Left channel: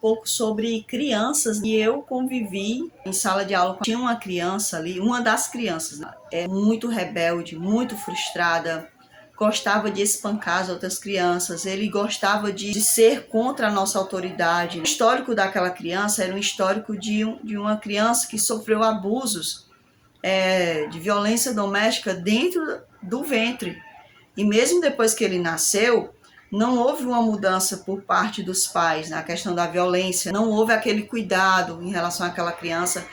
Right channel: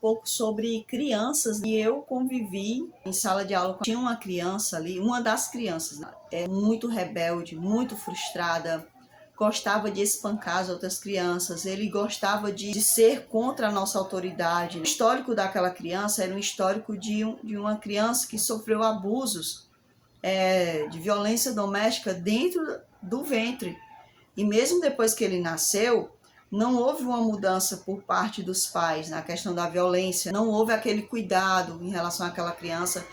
pouco sobre crianças. E eu convivi em sala de aula. Tinha uma criança ali, uma das crianças, né? Muito rebelde, muito frustrada, gostava de espancar as outras crianças, ele gostava de ser contra a nossa autoridade. O histórico daquela criança era um histórico de uma criança que sofreu abusos de violência doméstica dentro do ventre. E mesmo depois que ele nasceu, não houve uma mudança por parte dos pais na questão da violência, não houve aquele cuidado em relação àquela criança.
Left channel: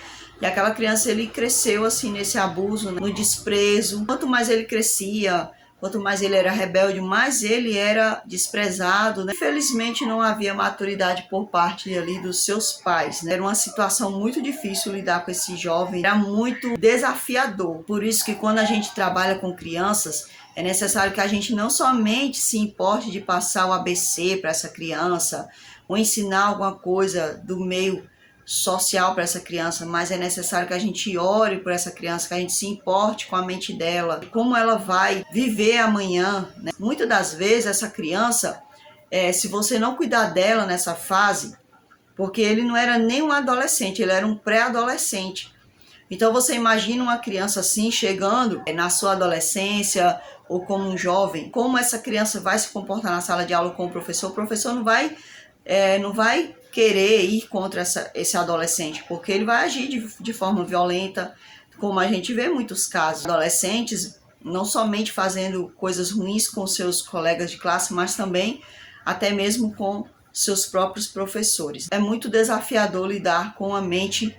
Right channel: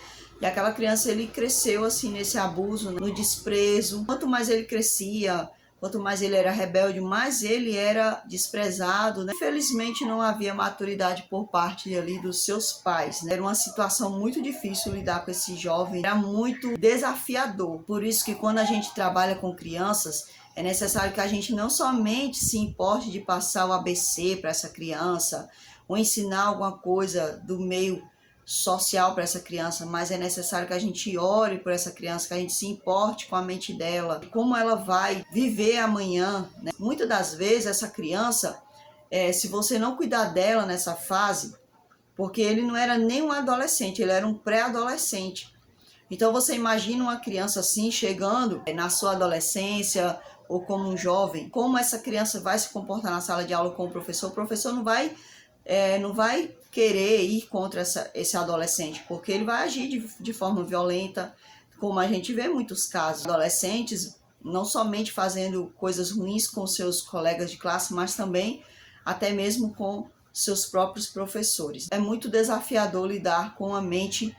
E aquela criança, ele cresceu assim nesse abuso, no desprezo. Quanto mais ele crescia, quanto mais ele era rebelde, mais ele era desprezado, né? Infelizmente não havia maturidade por parte ali dos seus pais, né? Era uma situação muito difícil lidar com esse jovem, era muito desafiador. Por isso que quando a gente trabalha com crianças, é necessário que a gente não somente se importe de passar o ABC para essa criança, ou ensinar alguma coisa do meio social para essa criança, mas é necessário que a gente ore por essa criança, que a gente se importe com a mente dela, como ela vai viver amanhã, né? Muitas das vezes essa criança, se você não cuidar dela nessa fase, porque ele não era nem um adolescente, ele era um pré-adolescente. Então você imagina uma criança assim chegando na sua adolescência ou como um jovem, como essa criança vai se comportar na sala de aula com o professor não vai querer ir contra esse adolescente, porque ele vai agir de forma violenta, como a gente vê muitos casos. Adolescentes não somente fazendo coisas ruins com seus colegas de classe, mas também até mesmo com seus próprios professores. É muito desafiador lidar com a mente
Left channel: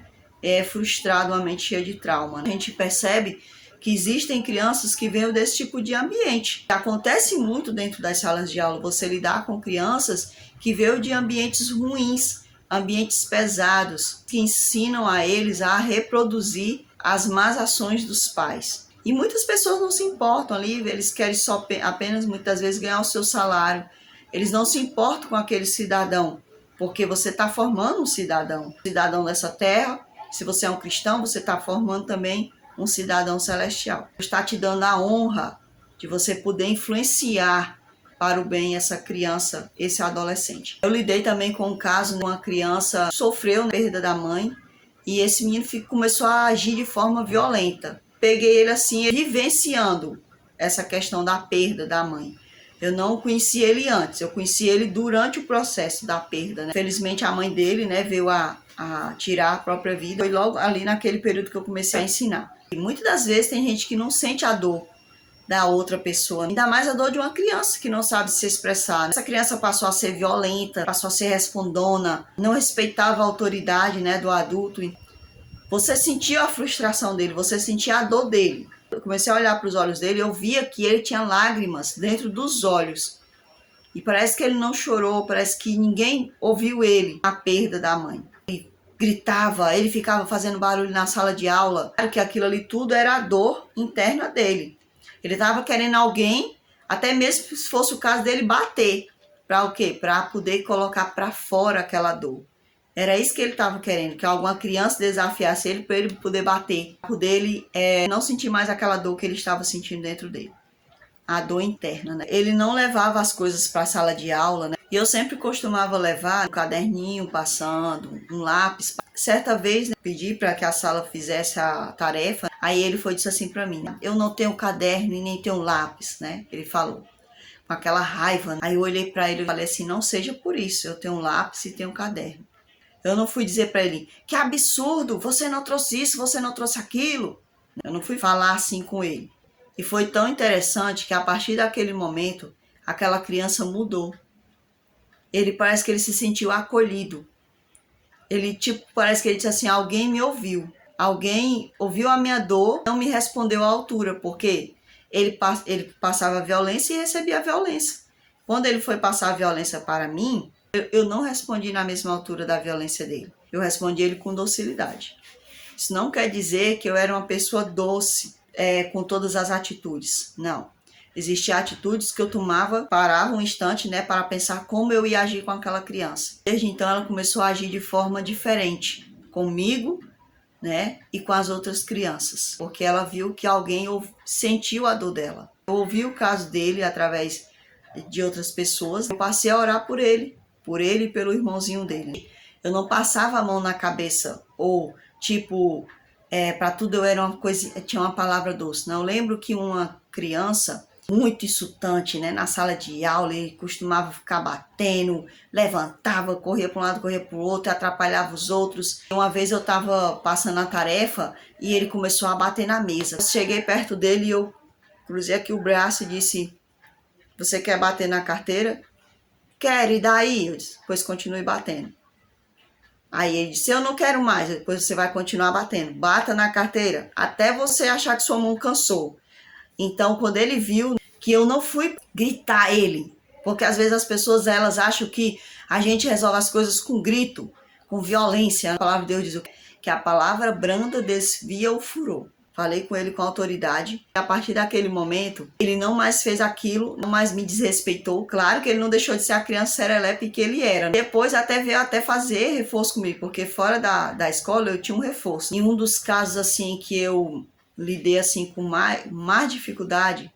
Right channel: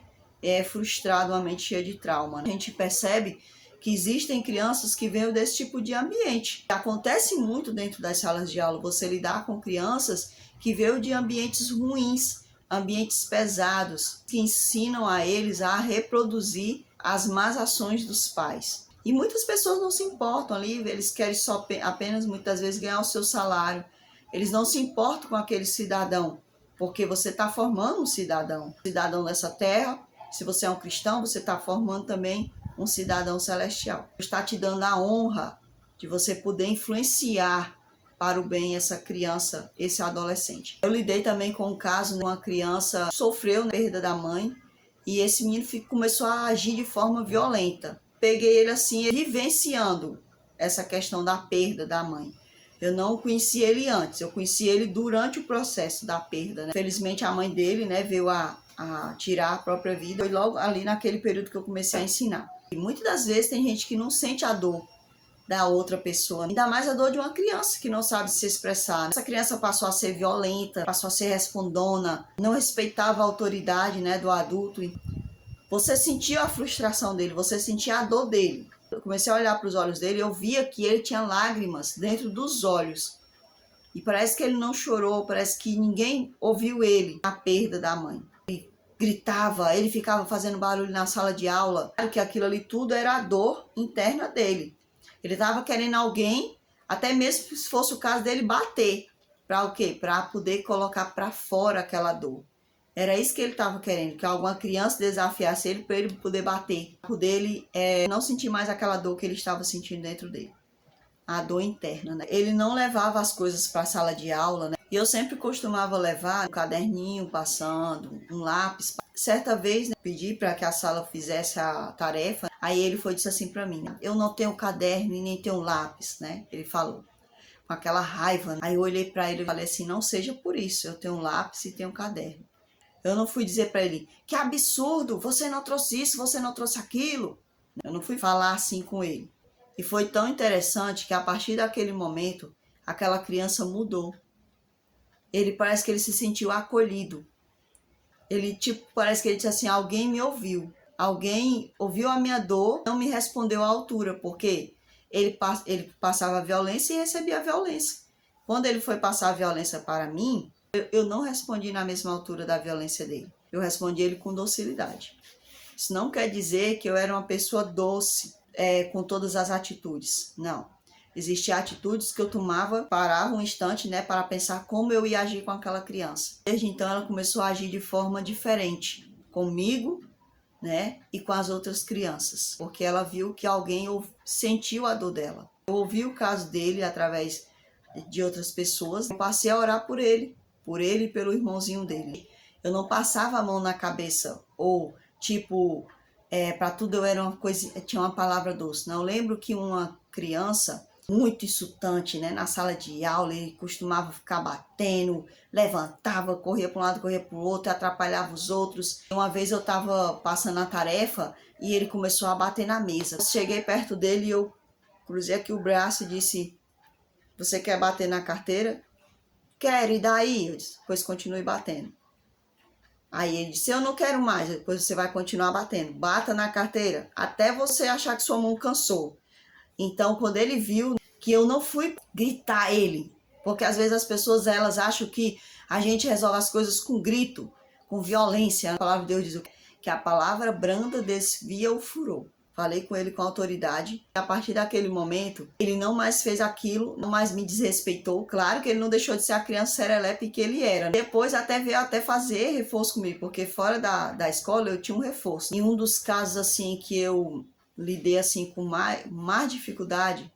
frustrada, uma mente cheia de trauma. A gente percebe que existem crianças que vêm desse tipo de ambiente. Acontece muito dentro das salas de aula você lidar com crianças que veio de ambientes ruins, ambientes pesados, que ensinam a eles a reproduzir as más ações dos pais. E muitas pessoas não se importam ali, eles querem só apenas muitas vezes ganhar o seu salário. Eles não se importam com aquele cidadão, porque você está formando um cidadão dessa terra. Se você é um cristão, você está formando também um cidadão celestial. Está te dando a honra de você poder influenciar para o bem essa criança, esse adolescente. Eu lidei também com um caso de uma criança que sofreu a perda da mãe e esse menino começou a agir de forma violenta. Peguei ele assim, vivenciando essa questão da perda da mãe. Eu não conheci ele antes, eu conheci ele durante o processo da perda, né? Felizmente a mãe dele, né, veio a tirar a própria vida. Foi logo ali naquele período que eu comecei a ensinar. E muitas das vezes tem gente que não sente a dor da outra pessoa, ainda mais a dor de uma criança que não sabe se expressar. Essa criança passou a ser violenta, passou a ser respondona, não respeitava a autoridade, né, do adulto. Você sentia a frustração dele, você sentia a dor dele. Eu comecei a olhar para os olhos dele, eu via que ele tinha lágrimas dentro dos olhos. E parece que ele não chorou, parece que ninguém ouviu ele na perda da mãe. Ele gritava, ele ficava fazendo barulho na sala de aula. Claro que aquilo ali tudo era a dor interna dele. Ele estava querendo alguém, até mesmo se fosse o caso dele bater. Para o quê? Para poder colocar para fora aquela dor. Era isso que ele estava querendo, que alguma criança desafiasse ele para ele poder bater. Para poder ele não sentir mais aquela dor que ele estava sentindo dentro dele. A dor interna, né? Ele não levava as coisas para a sala de aula, né? E eu sempre costumava levar um caderninho passando, um lápis. Certa vez, né, pedi para que a sala fizesse a tarefa. Aí ele disse assim para mim: eu não tenho caderno e nem tenho lápis, né? Ele falou com aquela raiva. Né? Aí eu olhei para ele e falei assim: não seja por isso, eu tenho um lápis e tenho um caderno. Eu não fui dizer para ele: que absurdo, você não trouxe isso, você não trouxe aquilo. Eu não fui falar assim com ele. E foi tão interessante que a partir daquele momento, aquela criança mudou. Ele parece que ele se sentiu acolhido. Ele parece que ele disse assim: alguém me ouviu. Alguém ouviu a minha dor, não me respondeu à altura, porque ele passava violência e recebia violência. Quando ele foi passar a violência para mim, eu não respondi na mesma altura da violência dele. Eu respondi ele com docilidade. Isso não quer dizer que eu era uma pessoa doce, com todas as atitudes. Não. Existiam atitudes que eu parava um instante, né, para pensar como eu ia agir com aquela criança. Desde então ela começou a agir de forma diferente comigo, né, e com as outras crianças, porque ela viu que alguém sentiu a dor dela. Eu ouvi o caso dele através de outras pessoas. Eu passei a orar por ele, por ele e pelo irmãozinho dele. Eu não passava a mão na cabeça, ou tipo, para tudo eu era uma coisa, tinha uma palavra doce. Não, eu lembro que uma criança muito insultante, né, na sala de aula, ele costumava ficar batendo, levantava, corria para um lado, corria para o outro, atrapalhava os outros. Uma vez eu estava passando a tarefa e ele começou a bater na mesa. Eu cheguei perto dele e eu cruzei aqui o braço e disse: "Você quer bater na carteira?" "Quero, e daí?" Eu disse: "Pois continue batendo." Aí ele disse: "Eu não quero mais." "Depois você vai continuar batendo. Bata na carteira até você achar que sua mão cansou." Então, quando ele viu que eu não fui gritar ele, porque às vezes as pessoas elas acham que a gente resolve as coisas com grito, com violência. A palavra de Deus diz que a palavra branda desvia o furor. Falei com ele com autoridade. A partir daquele momento, ele não mais fez aquilo, não mais me desrespeitou. Claro que ele não deixou de ser a criança serelepe que ele era. Depois até veio até fazer reforço comigo, porque fora da escola eu tinha um reforço. Em um dos casos assim que eu lidei assim com mais dificuldade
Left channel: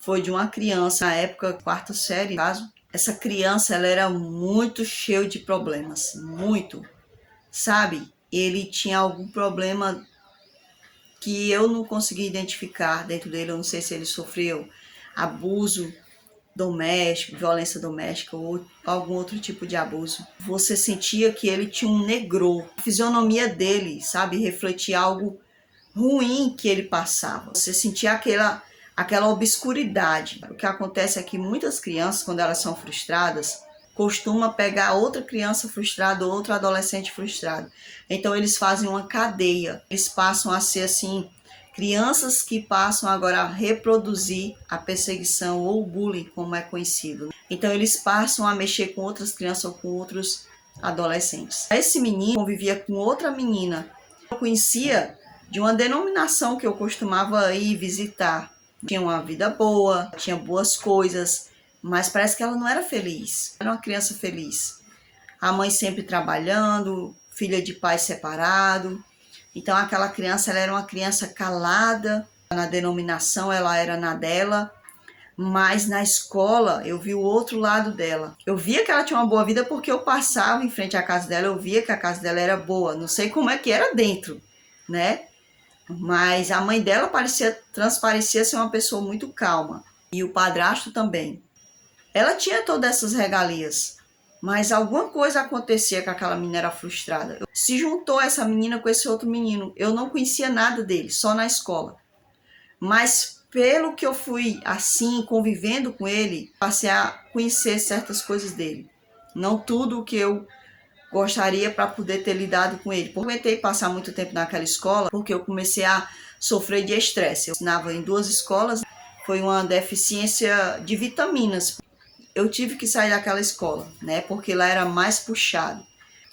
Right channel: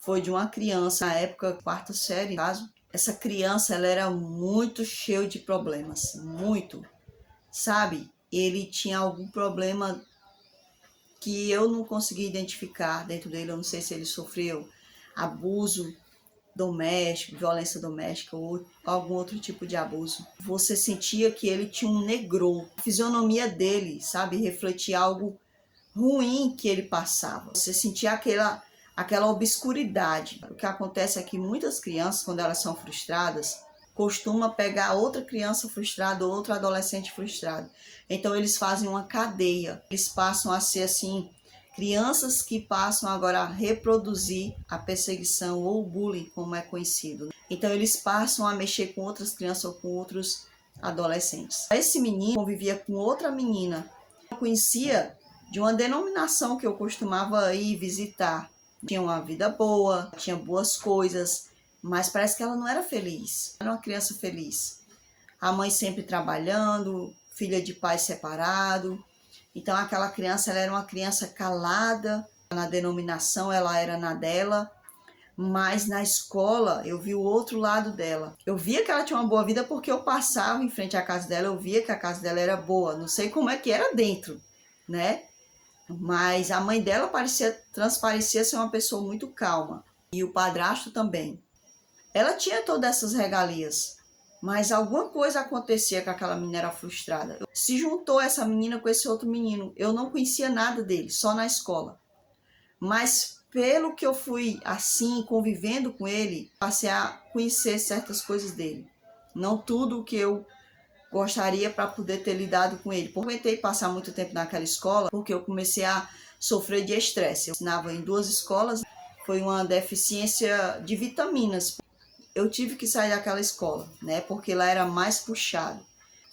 foi de uma criança, na época, quarta série, caso. Essa criança, ela era muito cheia de problemas, muito, sabe? Ele tinha algum problema que eu não consegui identificar dentro dele. Eu não sei se ele sofreu abuso doméstico, violência doméstica ou algum outro tipo de abuso. Você sentia que ele tinha um negrô. A fisionomia dele, sabe, refletia algo ruim que ele passava. Você sentia aquela obscuridade. O que acontece é que muitas crianças, quando elas são frustradas, costuma pegar outra criança frustrada ou outro adolescente frustrado. Então eles fazem uma cadeia. Eles passam a ser assim, crianças que passam agora a reproduzir a perseguição ou o bullying, como é conhecido. Então eles passam a mexer com outras crianças ou com outros adolescentes. Esse menino convivia com outra menina. Eu conhecia de uma denominação que eu costumava ir visitar. Tinha uma vida boa, tinha boas coisas, mas parece que ela não era feliz. Era uma criança feliz. A mãe sempre trabalhando, filha de pai separado. Então aquela criança, ela era uma criança calada. Na denominação ela era na dela, mas na escola eu vi o outro lado dela. Eu via que ela tinha uma boa vida porque eu passava em frente à casa dela, eu via que a casa dela era boa. Não sei como é que era dentro, né? Mas a mãe dela transparecia ser uma pessoa muito calma. E o padrasto também. Ela tinha todas essas regalias, mas alguma coisa acontecia que aquela menina era frustrada. Se juntou essa menina com esse outro menino. Eu não conhecia nada dele, só na escola. Mas pelo que eu fui assim, convivendo com ele, passei a conhecer certas coisas dele. Não tudo o que eu gostaria para poder ter lidado com ele. Eu aguentei passar muito tempo naquela escola porque eu comecei a sofrer de estresse. Eu ensinava em 2 escolas, foi uma deficiência de vitaminas. Eu tive que sair daquela escola, né? Porque lá era mais puxado.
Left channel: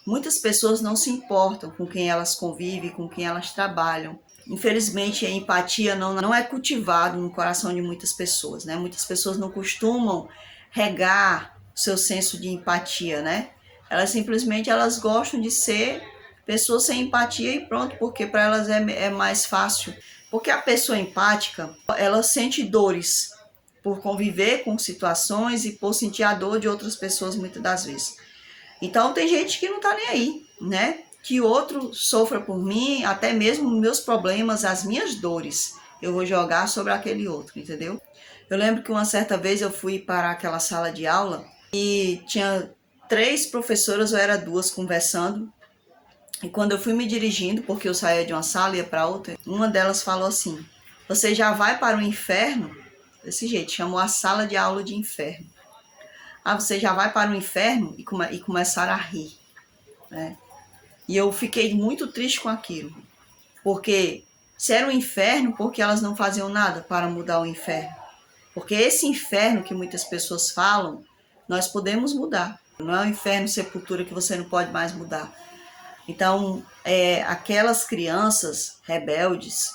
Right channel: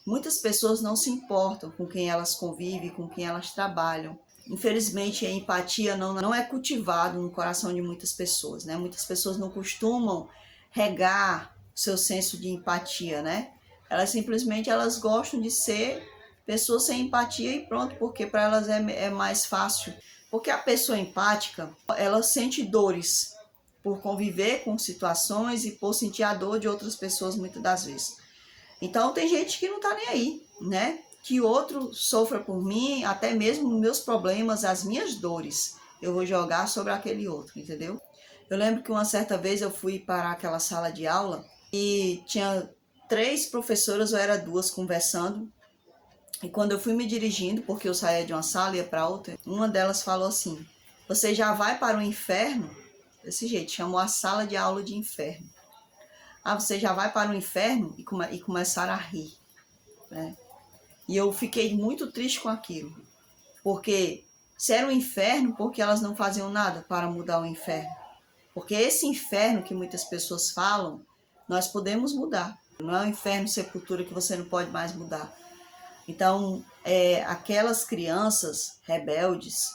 Muitas pessoas não se importam com quem elas convivem, com quem elas trabalham. Infelizmente, a empatia não é cultivado no coração de muitas pessoas, né? Muitas pessoas não costumam regar o seu senso de empatia, né? Elas gostam de ser pessoas sem empatia e pronto, porque para elas é mais fácil. Porque a pessoa empática, ela sente dores por conviver com situações e por sentir a dor de outras pessoas muitas das vezes. Então tem gente que não tá nem aí, né? Que outro sofra por mim, até mesmo meus problemas, as minhas dores, eu vou jogar sobre aquele outro, entendeu? Eu lembro que uma certa vez eu fui para aquela sala de aula e tinha 3 professoras, ou era 2, conversando. E quando eu fui me dirigindo, porque eu saía de uma sala e ia para outra, uma delas falou assim: "Você já vai para o inferno?" Desse jeito, chamou a sala de aula de inferno. "Ah, você já vai para o inferno?" E começaram a rir, né? E eu fiquei muito triste com aquilo, porque se era um inferno, porque elas não faziam nada para mudar o inferno? Porque esse inferno que muitas pessoas falam, nós podemos mudar. Não é um inferno sepultura que você não pode mais mudar. Então, aquelas crianças rebeldes,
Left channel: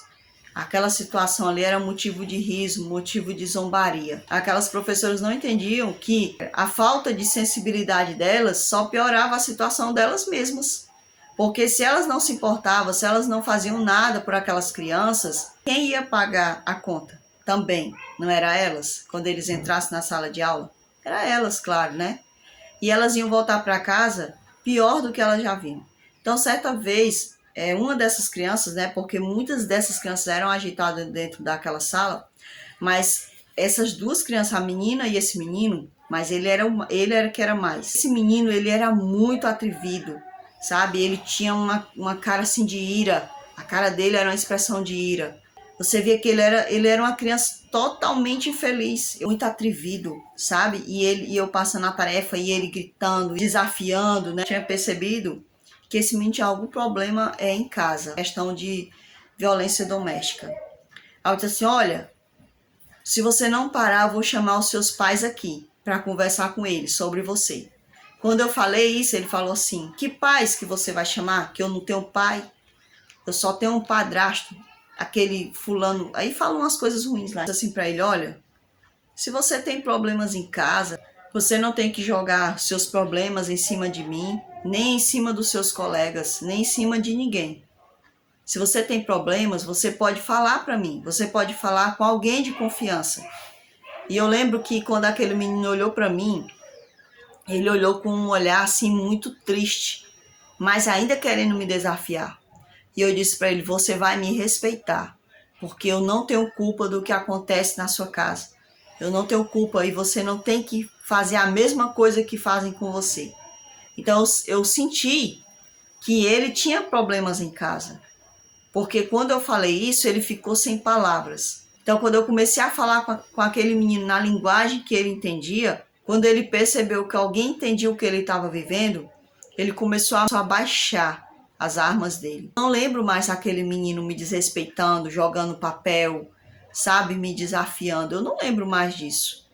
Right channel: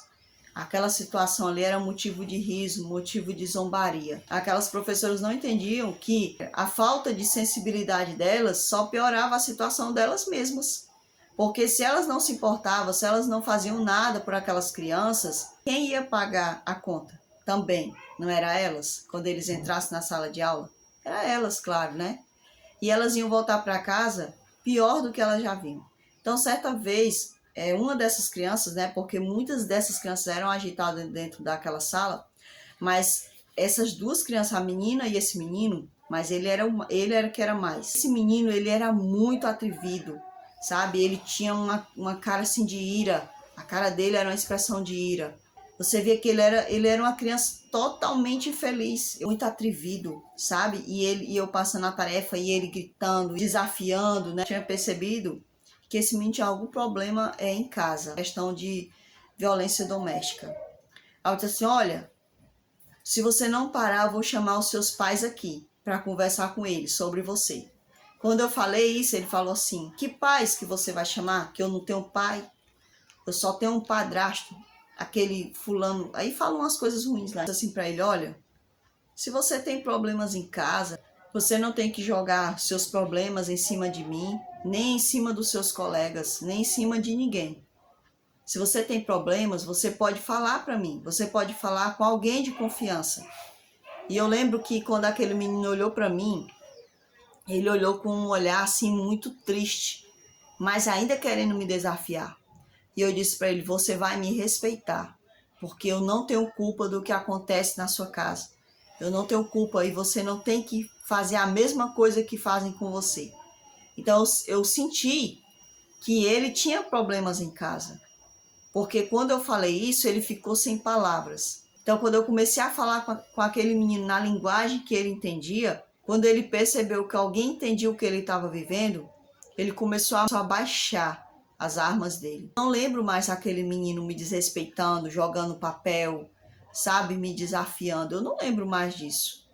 aquela situação ali era motivo de riso, motivo de zombaria. Aquelas professoras não entendiam que a falta de sensibilidade delas só piorava a situação delas mesmas. Porque se elas não se importavam, se elas não faziam nada por aquelas crianças, quem ia pagar a conta? Também, não era elas? Quando eles entrassem na sala de aula? Era elas, claro, né? e elas iam voltar para casa pior do que elas já vinham. Então, certa vez, uma dessas crianças, né, porque muitas dessas crianças eram agitadas dentro daquela sala, mas essas duas crianças, a menina e esse menino, mas ele era que era mais. Esse menino, ele era muito atrevido, sabe? Ele tinha uma cara assim de ira, a cara dele era uma expressão de ira. Você via que ele era uma criança totalmente infeliz, muito atrevido, sabe? E eu passando a tarefa e ele gritando, desafiando, né? Eu tinha percebido que esse menino tinha algum problema em casa, questão de violência doméstica. Aí eu disse assim, olha, se você não parar, eu vou chamar os seus pais aqui para conversar com eles sobre você. Quando eu falei isso, ele falou assim, que pais que você vai chamar? Que eu não tenho pai, eu só tenho um padrasto, aquele fulano. Aí falam umas coisas ruins lá, assim para ele, olha, se você tem problemas em casa, você não tem que jogar seus problemas em cima de mim, nem em cima dos seus colegas, nem em cima de ninguém. Se você tem problemas, você pode falar para mim, você pode falar com alguém de confiança. E eu lembro que quando aquele menino olhou para mim, ele olhou com um olhar assim muito triste, mas ainda querendo me desafiar. E eu disse para ele, você vai me respeitar, porque eu não tenho culpa do que acontece na sua casa. Eu não tenho culpa e você não tem que fazer a mesma coisa que fazem com você. Então eu senti que ele tinha problemas em casa, porque quando eu falei isso, ele ficou sem palavras. Então quando eu comecei a falar com aquele menino na linguagem que ele entendia, quando ele percebeu que alguém entendia o que ele estava vivendo, ele começou a baixar as armas dele. Não lembro mais aquele menino me desrespeitando, jogando papel, sabe, me desafiando. Eu não lembro mais disso.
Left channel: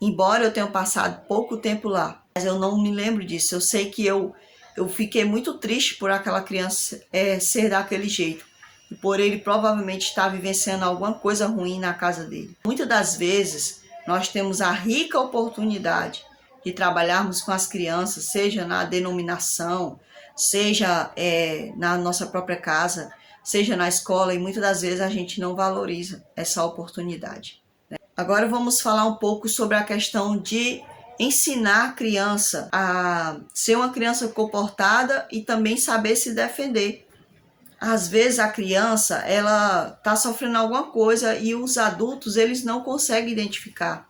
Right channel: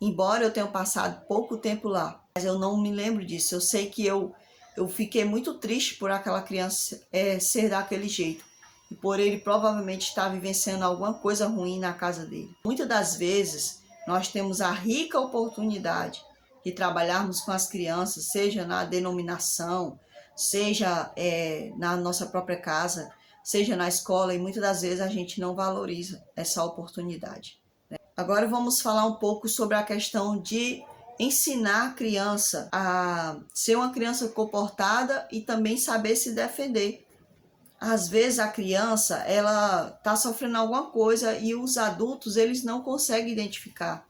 Embora eu tenha passado pouco tempo lá, mas eu não me lembro disso. Eu sei que eu fiquei muito triste por aquela criança ser daquele jeito. E por ele provavelmente estar vivenciando alguma coisa ruim na casa dele. Muitas das vezes, nós temos a rica oportunidade de trabalharmos com as crianças, seja na denominação, seja na nossa própria casa, seja na escola, e muitas das vezes a gente não valoriza essa oportunidade. Agora vamos falar um pouco sobre a questão de ensinar a criança a ser uma criança comportada e também saber se defender. Às vezes a criança, ela está sofrendo alguma coisa e os adultos, eles não conseguem identificar,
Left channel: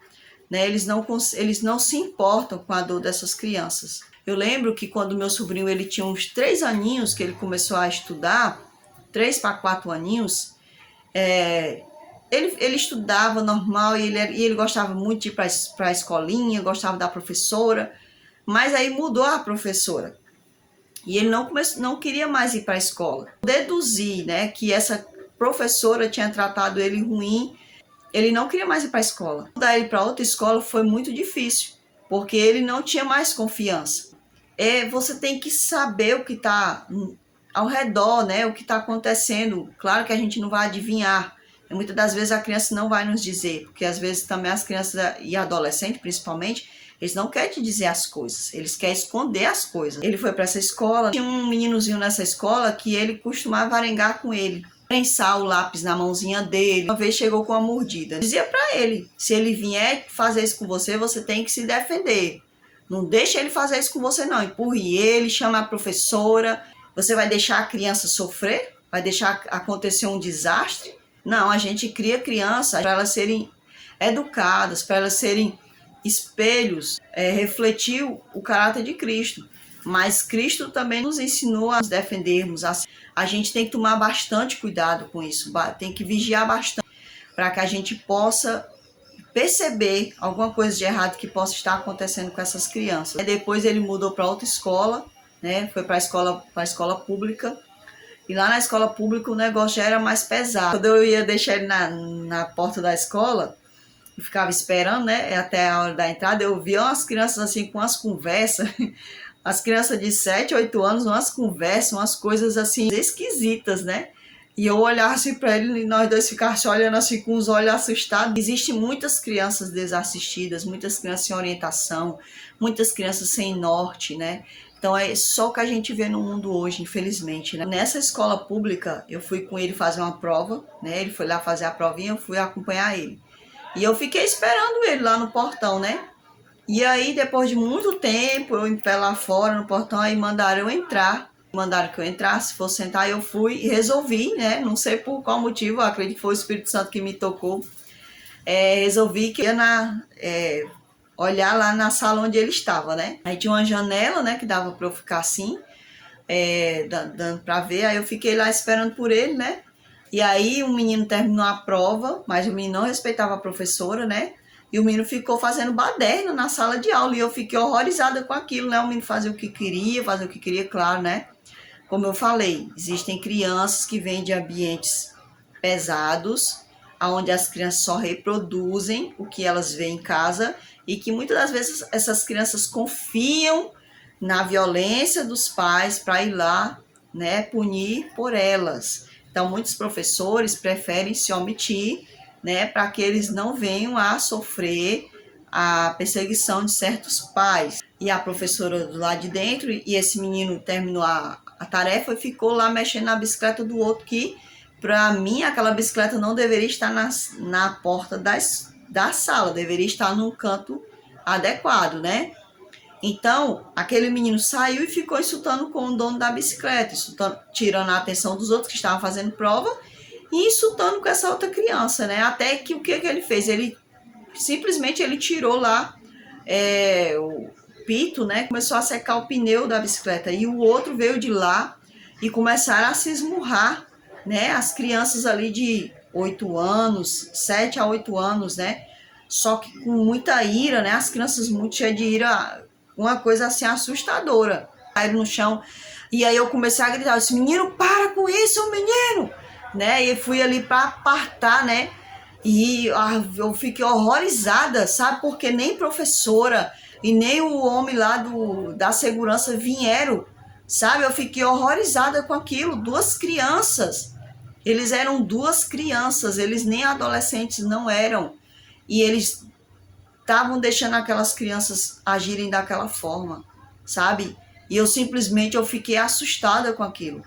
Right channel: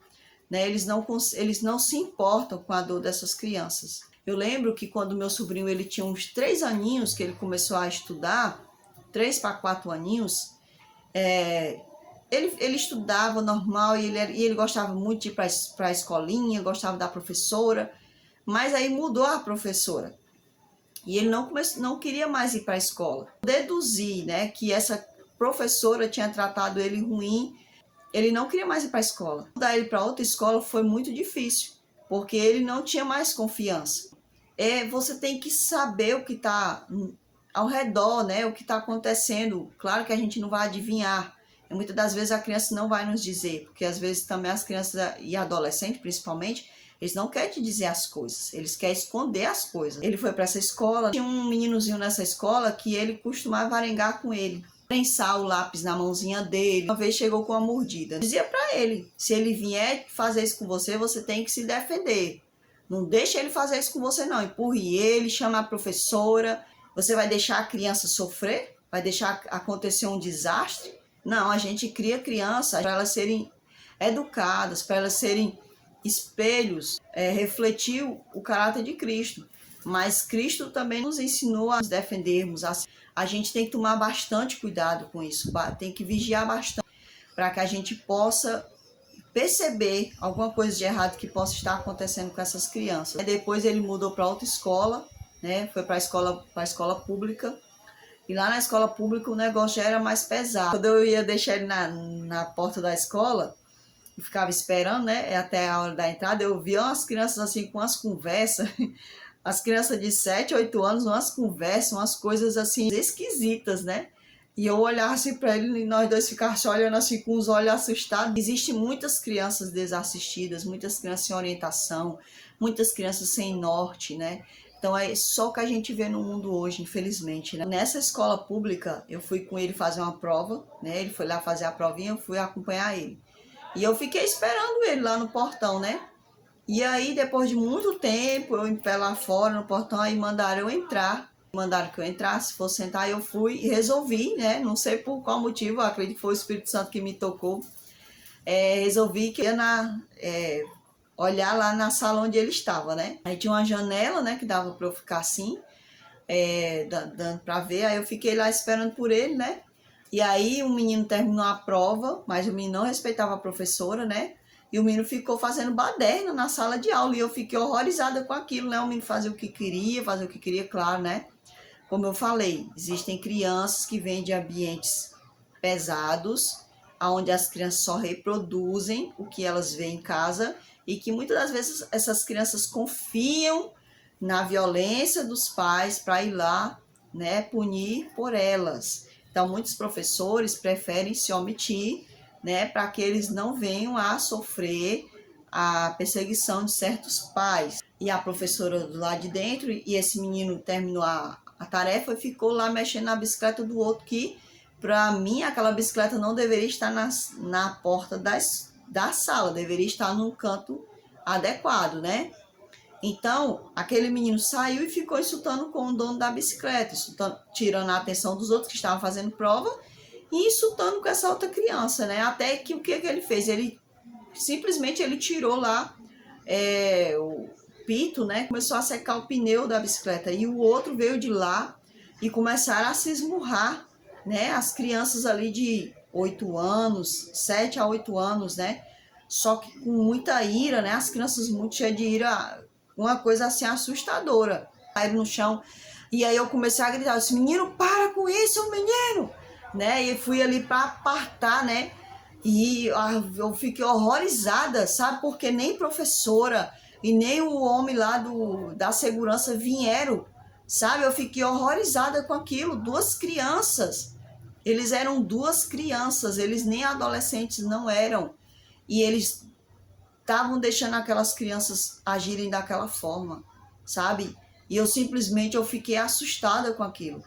né? Eles não se importam com a dor dessas crianças. Eu lembro que quando meu sobrinho ele tinha uns 3 aninhos, que ele começou a estudar, 3 para 4 aninhos, ele estudava normal e ele gostava muito de ir para a escolinha, gostava da professora, mas aí mudou a professora. E ele não queria mais ir para a escola. Deduzi, né, que essa professora tinha tratado ele ruim, ele não queria mais ir para a escola. Mudar ele para outra escola foi muito difícil, porque ele não tinha mais confiança. Você tem que saber o que está ao redor, né, o que está acontecendo. Claro que a gente não vai adivinhar. Muitas das vezes a criança não vai nos dizer, porque às vezes também as crianças e adolescentes, principalmente, eles não querem te dizer as coisas, eles querem esconder as coisas. Ele foi para essa escola, tinha um meninozinho nessa escola que ele costumava arengar com ele, prensar o lápis na mãozinha dele. Uma vez chegou com uma mordida. Dizia para ele, se ele vier fazer isso com você, você tem que se defender. Não deixa ele fazer isso com você não, empurre ele, chama a professora. Você vai deixar a criança sofrer? Vai deixar acontecer um desastre? Não, a gente cria crianças para elas serem educadas, para elas serem espelhos, refletir o caráter de Cristo. Mas Cristo também nos ensinou a nos defendermos. A gente tem que tomar bastante cuidado com isso, tem que vigiar bastante para que a gente possa perceber alguma coisa de errado que possa estar acontecendo com essas crianças. Depois ele mudou para outra escola, né? Foi para a escola pública. E lá na escola pública o negócio já era mais pesado. Quando eu ia deixar ele na porta da escola, eu ficava esperando, né, até a hora da entrada, eu via umas crianças assim com umas conversas, as crianças de 7, 8 anos, umas conversas, umas coisas assim esquisitas, né? E eu olhava assim para ele e nós dois ficávamos olhando assim com os olhos assustados. Existem muitas crianças desassistidas, muitas crianças sem orientação, muitas crianças sem norte, né? Então é só o que a gente vê no mundo hoje, infelizmente, né? Nessa escola pública, eu fui com ele fazer uma prova, né? Ele foi lá fazer a provinha, eu fui acompanhar ele. E eu fiquei esperando ele lá no portão, né? E aí, depois de muito tempo, eu em pé lá fora no portão, aí mandaram eu entrar. Mandaram que eu entrasse, fosse sentar, eu fui e resolvi, né? Não sei por qual motivo, acredito que foi o Espírito Santo que me tocou. Resolvi que ia olhar lá na sala onde ele estava, né? Aí tinha uma janela, né, que dava para eu ficar assim, dando para ver. Aí eu fiquei lá esperando por ele, né? E aí o menino terminou a prova, mas o menino não respeitava a professora, né? E o menino ficou fazendo baderna na sala de aula e eu fiquei horrorizada com aquilo, né? O menino fazia o que queria, claro, né? Como eu falei, existem crianças que vêm de ambientes pesados, onde as crianças só reproduzem o que elas veem em casa e que muitas das vezes essas crianças confiam na violência dos pais para ir lá, né, punir por elas. Então, muitos professores preferem se omitir, né, para que eles não venham a sofrer a perseguição de certos pais. E a professora do lado de dentro, e esse menino terminou a tarefa e ficou lá mexendo na bicicleta do outro, que para mim aquela bicicleta não deveria estar na porta da sala, deveria estar num canto adequado, né? Então, aquele menino saiu e ficou insultando com o dono da bicicleta, tirando a atenção dos outros que estavam fazendo prova e insultando com essa outra criança, né? Até que o que ele fez? Ele simplesmente tirou lá o pito, né? Começou a secar o pneu da bicicleta e o outro veio de lá e começaram a se esmurrar, né? As crianças ali de 8 anos, 7 a 8 anos, né? Só que com muita ira, né? As crianças muito cheias de ira, uma coisa assim assustadora. Caíram no chão. E aí eu comecei a gritar, eu disse, menino, para com isso, menino! Né? E fui ali para apartar, né? E eu fiquei horrorizada, sabe? Porque nem professora e nem o homem lá da segurança vieram, sabe? Eu fiquei horrorizada com aquilo. Duas crianças. Eles eram duas crianças, eles nem adolescentes não eram. E eles estavam deixando aquelas crianças agirem daquela forma, sabe? E eu fiquei assustada com aquilo.